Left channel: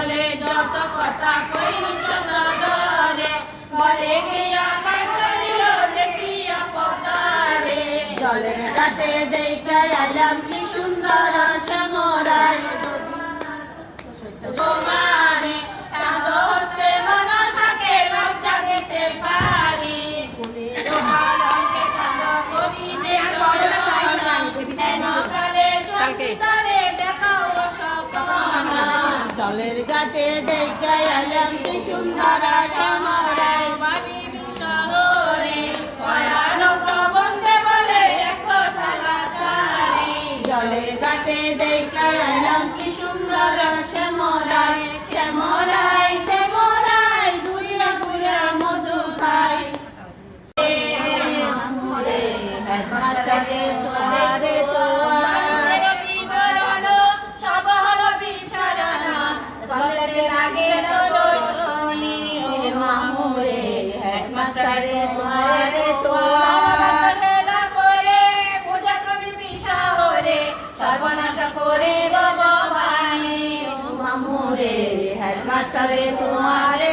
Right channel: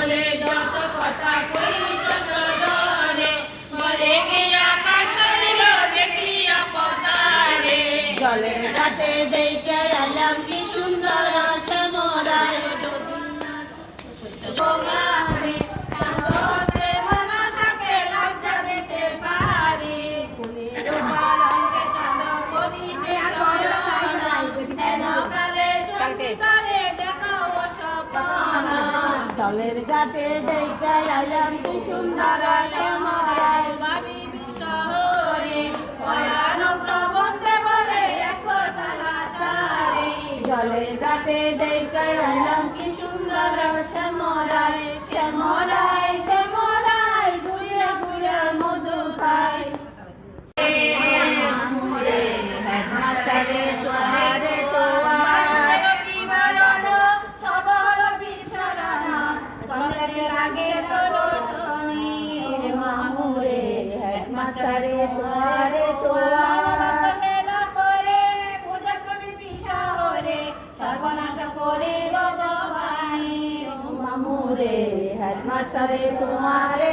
যত কথা কই চন্দ্রে মরে গিয়া কাছলিল দেখিয়া পতারে জলের ঘাটে দেখে এলাম কি সুন্দর শ্যামরাই তোমারে তাহলে মনসাকে লজ্জা দিতে পারি ফুলের বাগানকে চাঁদা করি জলের ঘাটে দেখে এলাম কি সুন্দর শ্যামরাই জলের ঘাটে দেখে এলাম কি সুন্দর শ্যামরাই শ্যামরাই শ্যামরাই ঘুরে ঘুরে মধু খাই হেডমাস্টারে তোমারে মামুরে হেডমাস্টারে তোমারে সর্বনাশ করে মামুরে হেডমাস্টারে তোমারে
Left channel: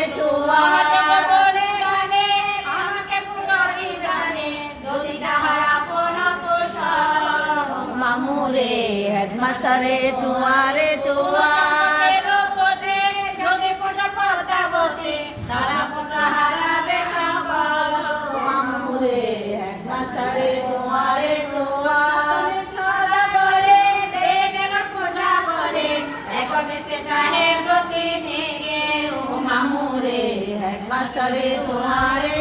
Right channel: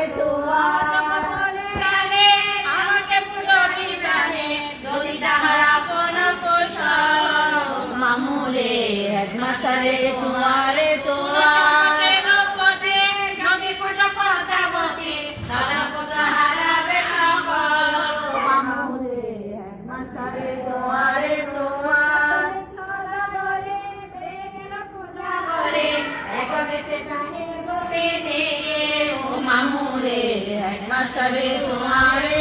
মামুরে হেডমাস্টারে তোমারে মামুরে হেডমাস্টারে তোমারে মামুরে হেডমাস্টারে তোমারে